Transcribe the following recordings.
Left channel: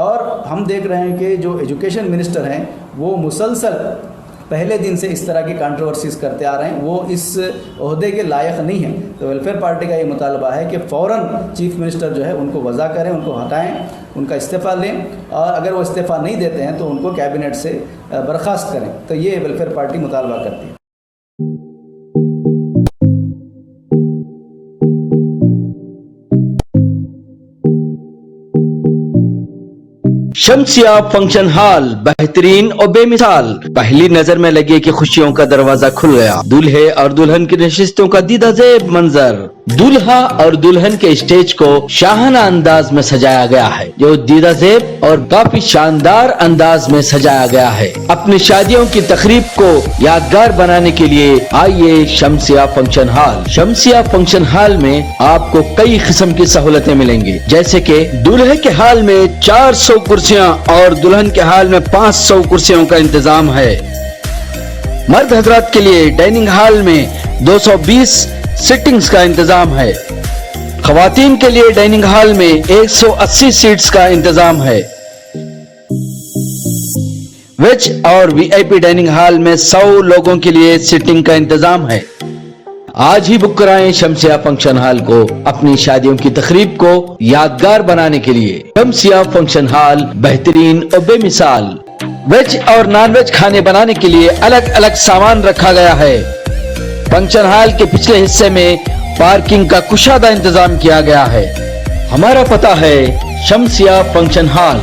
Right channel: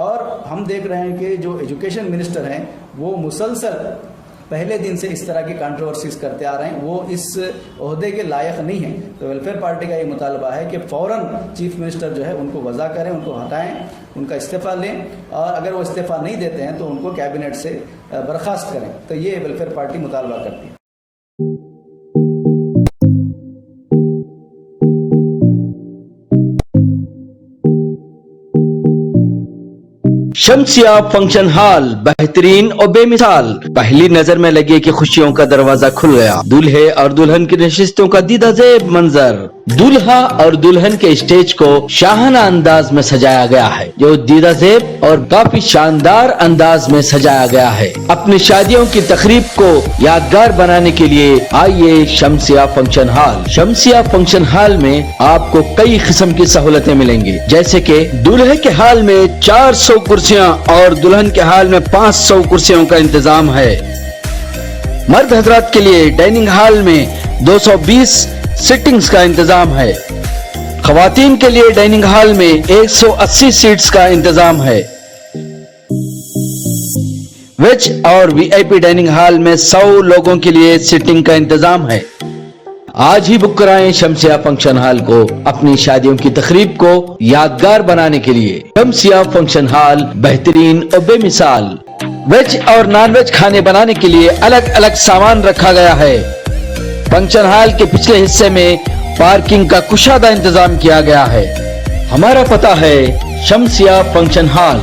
اور ہم دیکھ رہے ہیں کہ جو ایجوکیشن منسٹر ہیں وہ مسلسل پہلے دن سے اس طرح کی کانٹروورسیز کرتے آ رہے ہیں، وہ اس عہدے کے لائق نہیں ہیں۔ تو ویلفیئر پارٹی کا یہ مطالبہ ہے کہ فوراً چیف منسٹر جو ہے ان کو وضع کریں، ان کو ہٹائیں، ان کا استعفیٰ لیں، اور اگر وہ استعفیٰ نہیں دیتے ہیں تو ان کو کیبنٹ سے برخاست کریں۔ تو یہ ویلفیئر پارٹی مطالبہ کرتی ہے۔ شمسیہ فنکشن ہال بہترین اور بے مثال، پہلی نظر میں لگے کہ خوشیوں کا دروازہ کھل گیا۔ دولہے اور دلہن کی نشستوں کا دیدہ زیب منظر، دولہا اور دلہن کے اسٹیج کو شاہانہ انداز میں سجایا گیا ہے، جو دیدہ زیب اور کافی شاندار انداز میں سجایا گیا ہے۔ اپنی شادیوں کی تقریب کو یادگار بنانے کے لیے آئیے شمسیہ فنکشن ہال۔ شمسیہ فنکشن ہال میں آپ کو کئی قسم کی سہولتیں ملیں گی، جیسے کہ دولہے کے ہال میں 400 کرسیاں اور دلہن کے ہال میں 500 کرسیوں کا انتظام ہے۔ مرد حضرات کے لیے ڈائننگ ہال میں 220 سٹنگز کا انتظام ہے۔ خواتین کے لیے ڈائننگ ہال میں 180 سیٹس کا انتظام ہے۔ ویج اور وی آئی پی ڈائننگ ہال میں 100 لوگوں کے لیے سٹنگ کا انتظام ہے۔ آج ہی بک کرائیں شمسیہ فنکشن ہال کو اپنی شادیوں کی تقریب کو یادگار بنانے کے لیے۔ شمسیہ فنکشن ہال بہترین اور بے مثال، ویج اور نان ویج کھانے بنانے کے لیے الگ الگ سامان رکھا گیا ہے۔ فنکشن ہال کے پچھلے حصے میں پارکنگ کا کشادہ انتظام کیا گیا ہے۔ ہمارا پتہ ہے شمسیہ فنکشن ہال،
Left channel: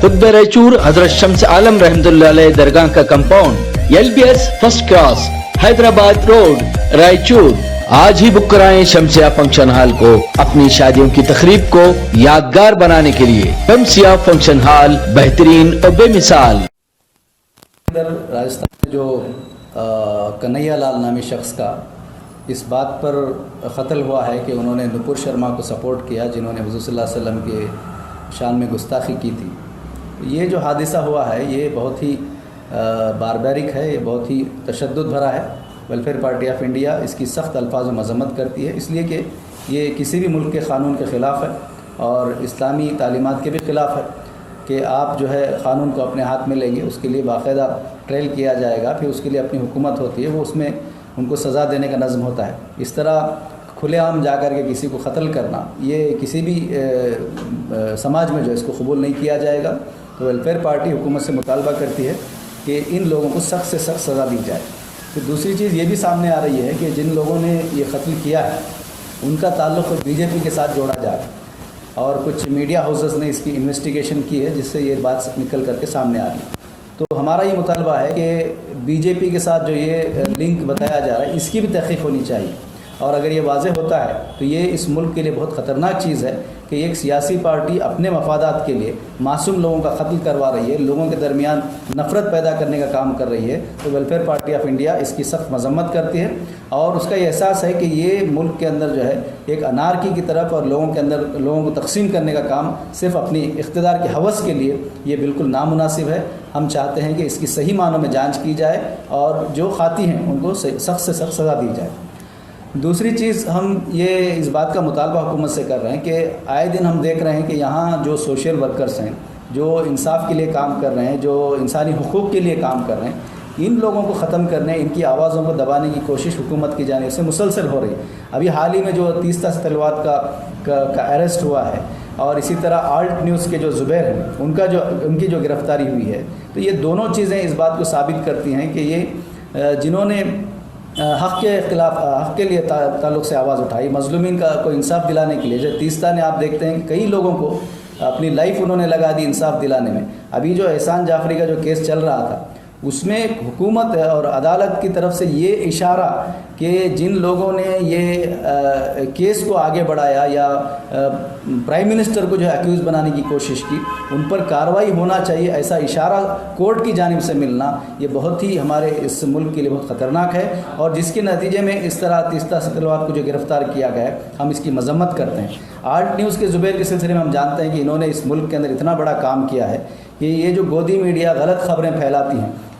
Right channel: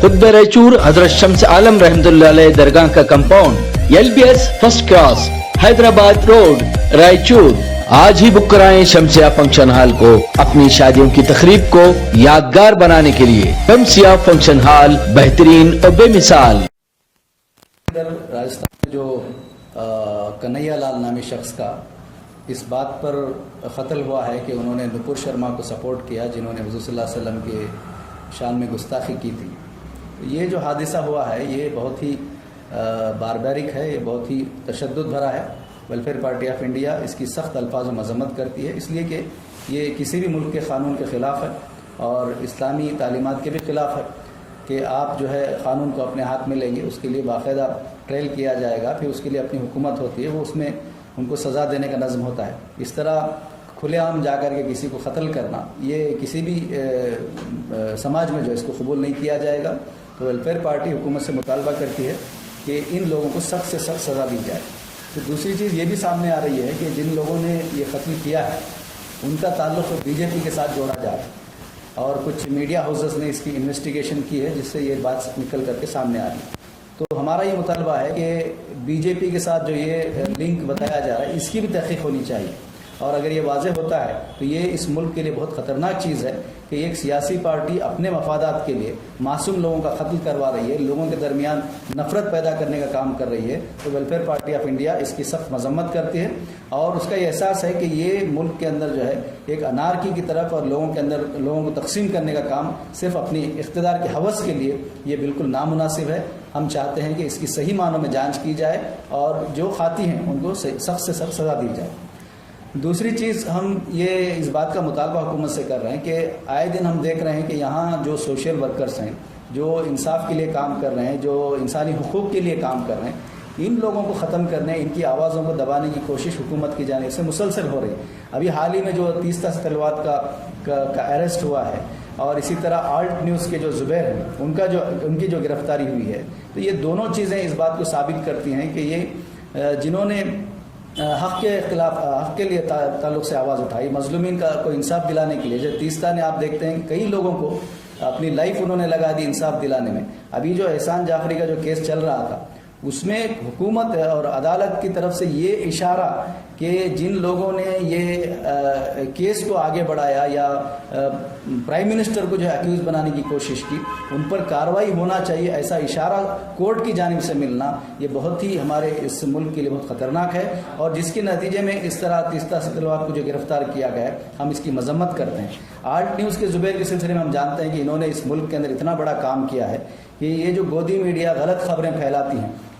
قطب ریچور حضرت شمس عالم رحمۃ اللہ علیہ درگاہ کا compound, LBS first class, Hyderabad road, Raichur. آج ہی بک کرائیں شمسیہ فنکشن ہال کو اپنی شادیوں کی تقریب کو یادگار بنانے کے لیے۔ شمسیہ فنکشن ہال بہترین اور بے مثال۔ راجستھان میں جو کنہیا لال نامی شخص کا اس بات پر قتل ہوا ہے کہ انہوں نے نپور شرما کو سپورٹ کیا، جنہوں نے حضور صلی اللہ علیہ وسلم کے شان میں گستاخی کی تھی۔ یہ جو حادثہ ہوا ہے یہ بہت ہی باربیرک ہے، یہ بہت ہی تشدد بھرا ہے۔ ویلفیئر پارٹی آف انڈیا اس کی سخت الفاظ و مذمت کرتی ہے، اس لیے کہ یہ کسی بھی ملک کے قانون کے خلاف ہے اور اسلامی تعلیمات کے بھی خلاف ہے کہ آپ جو ہے قانون کو اپنے ہاتھ میں لیں گے، اس کے لیے باقاعدہ ٹرائل کیا جائے گا، پھر اس کے لیے اپنی حکومت ہوتی ہے، وہ اس میں ان کو سزا دینے کا نظم ہوتا ہے۔ اس طرح کھلے عام جا کر کے کسی کو قتل کرنا یہ کسی بھی سماج میں جو اس کو قبول نہیں کیا جائے گا۔ تو ویلفیئر پارٹی حکومت سے مطالبہ کرتی ہے کہ ان لوگوں کو سخت سے سخت سزا دی جائے۔ تو دوسری چیز یہ بھی سامنے آ رہی ہے کہ جن لوگوں نے یہ قتل کیا ہے ان کا تعلق BJP کے ساتھ جوڑا جا رہا ہے، اور کچھ میڈیا ہاؤسز نے اس کی انویسٹیگیشن کی ہے جس سے یہ بات نکل کر کے سامنے آ رہی ہے۔ تو ہمارا یہ مطالبہ ہے کہ BJP کے ساتھ جو یہ لنک بتایا جا رہا ہے اس کی بھی تحقیق ہونی چاہیے، اور اگر یہ واضح ہوتا ہے تو یہ اس ملک کے لیے بہت خطرناک چیز ہے کہ ایک سیاسی پارٹی اپنے مفادات کے لیے معصوم لوگوں کا قتل کروا رہی ہے، لوگوں کے درمیان نفرت پیدا کرنے کا کام کر رہی ہے۔ تو ویلفیئر پارٹی آف انڈیا اس کی سخت مذمت کرتی ہے، اور اس کا یہ احساس ہے کہ یہ ملک کے اندر جو ہے ایک انارکی کی طرف اور لوگوں کو تقسیم کرنے کا کام صرف اپنی اقتدار کی ہوس کے لیے یہ بالکل نامناسب ہے۔ ہم چاہتے ہیں کہ اس کی صحیح معنوں میں جانچ کی جائے اور جو خاطی ہیں ان کو سخت سے سخت سزا دی جائے۔ دوسری چیز ہم یہ اس بات کا مطالبہ حکومت سے کر رہے ہیں کہ آئے دن ہم دیکھ رہے ہیں کہ یہاں جو سوشل ورکرز ہیں، جو انصاف کے لیے کام کر رہے ہیں، جو انسانی حقوق کے لیے کام کر رہے ہیں، ان لوگوں کو ختم کرنے، ان کی آوازوں کو دبانے کی کوشش حکومت کی جانب سے مسلسل ہو رہی ہے۔ ابھی حال ہی میں جو تیستا سلوات کا اریسٹ ہوا ہے، اور اسی طرح آلٹ نیوز کے جو زبیر ہیں ان کی جو گرفتاری ہوئی ہے، تو یہ دونوں چیزیں اس بات کو ثابت کرتی ہیں کہ یہ جنہوں نے حق کے خلاف، حق کے لیے تعلق سے آواز اٹھائی، مظلومین کو انصاف دلانے کے لیے، جیسے تیستا نے آپ دیکھتے ہیں کہ کئی لوگوں کو اپنی لائف انہوں نے لگا دی انصاف دلانے میں۔ ابھی جو احسان جعفری کا جو کیس چل رہا تھا اس میں حکومت اور عدالت کی طرف سے یہ اشارہ کہ جن لوگوں نے یہ کیس کو آگے بڑھایا یا پرائم منسٹر کو جو ہے ایکیوز بنانے کی کوشش کی، ان پر کارروائی ہونا چاہیے، ایسا اشارہ کورٹ کی جانب سے ملنا یہ بہت ہی ہمارے اس ملک کے لیے بہت خطرناک ہے، اور جس کے نتیجے میں اس طرح تیستا سلوات کو جو گرفتار کیا گیا ہے ہم اس کی مذمت کرتے ہیں۔ آلٹ نیوز کے زبیر کے سلسلے میں ہم جانتے ہیں کہ انہوں نے اس ملک کے اندر اتنا بڑا کام کیا ہے کہ یہ جو گودی میڈیا غلط خبریں پھیلاتی ہیں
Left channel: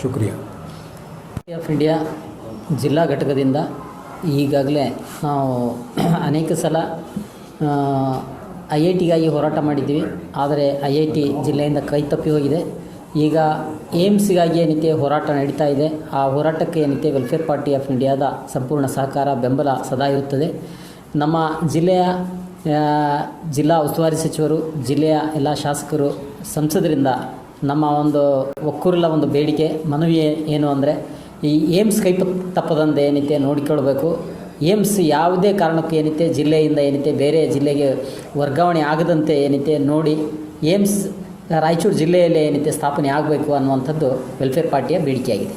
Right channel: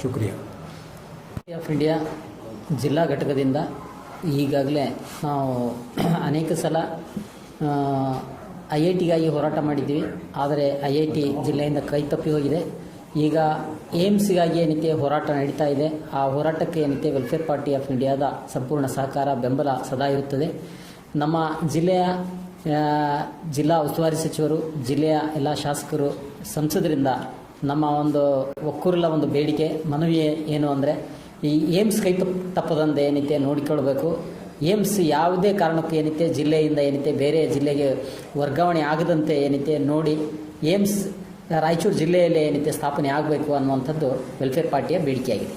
ಶುಕ್ರಿಯಾ. ಆಫ್ ಇಂಡಿಯಾ ಜಿಲ್ಲಾ ಘಟಕದಿಂದ ಈಗಾಗಲೇ ನಾವು ಅನೇಕ ಸಲ IITಗಾಗಿ ಹೋರಾಟ ಮಾಡಿದ್ದೀವಿ. ಆದರೆ IIT ಜಿಲ್ಲೆಯಿಂದ ಕೈ ತಪ್ಪಿ ಹೋಗಿದೆ. ಈಗ ಏಮ್ಸ್ಗಾಗಿ ಏನಿದೆ ಹೋರಾಟ ನಡೀತಾ ಇದೆ. ಆ ಹೋರಾಟಕ್ಕೆ ಏನಿದೆ ವೆಲ್ಫೇರ್ ಪಾರ್ಟಿ ಆಫ್ ಇಂಡಿಯಾದ ಸಂಪೂರ್ಣ ಸಹಕಾರ, ಬೆಂಬಲ ಸದಾ ಇರುತ್ತದೆ. ನಮ್ಮ ಜಿಲ್ಲೆಯ ಜಿಲ್ಲಾ ಉಸ್ತುವಾರಿ ಸಚಿವರು, ಜಿಲ್ಲೆಯ ಎಲ್ಲ ಶಾಸಕರು, ಸಂಸದರಿಂದ ನಮ್ಮ ಒಂದು ಒಕ್ಕೂರಲ ಒಂದು ಬೇಡಿಕೆ, ಮನವಿ ಏನು ಅಂದರೆ ಈ ಏಮ್ಸ್ ಕೈ ತಪ್ಪದಂತೆ ಏನಿದೆ ನೋಡಿಕೊಳ್ಬೇಕು. ಏಮ್ಸ್ ಯಾವುದೇ ಕಾರಣಕ್ಕೂ ಏನಿದೆ ಜಿಲ್ಲೆಯಿಂದ ಏನಿದೆ ಬೇರೆ ಜಿಲ್ಲೆಗೆ ವರ್ಗಾವಣೆ ಆಗದಂತೆ ಏನಿದೆ ನೋಡಿ ಏಮ್ಸ್ ರಾಯಚೂರು ಜಿಲ್ಲೆಯಲ್ಲೇ ಏನಿದೆ ಸ್ಥಾಪನೆ ಆಗಬೇಕು ಅನ್ನುವಂಥದ್ದು ವೆಲ್ಫೇರ್ ಪಾರ್ಟಿಯ ಬೇಡಿಕೆಯಾಗಿದೆ.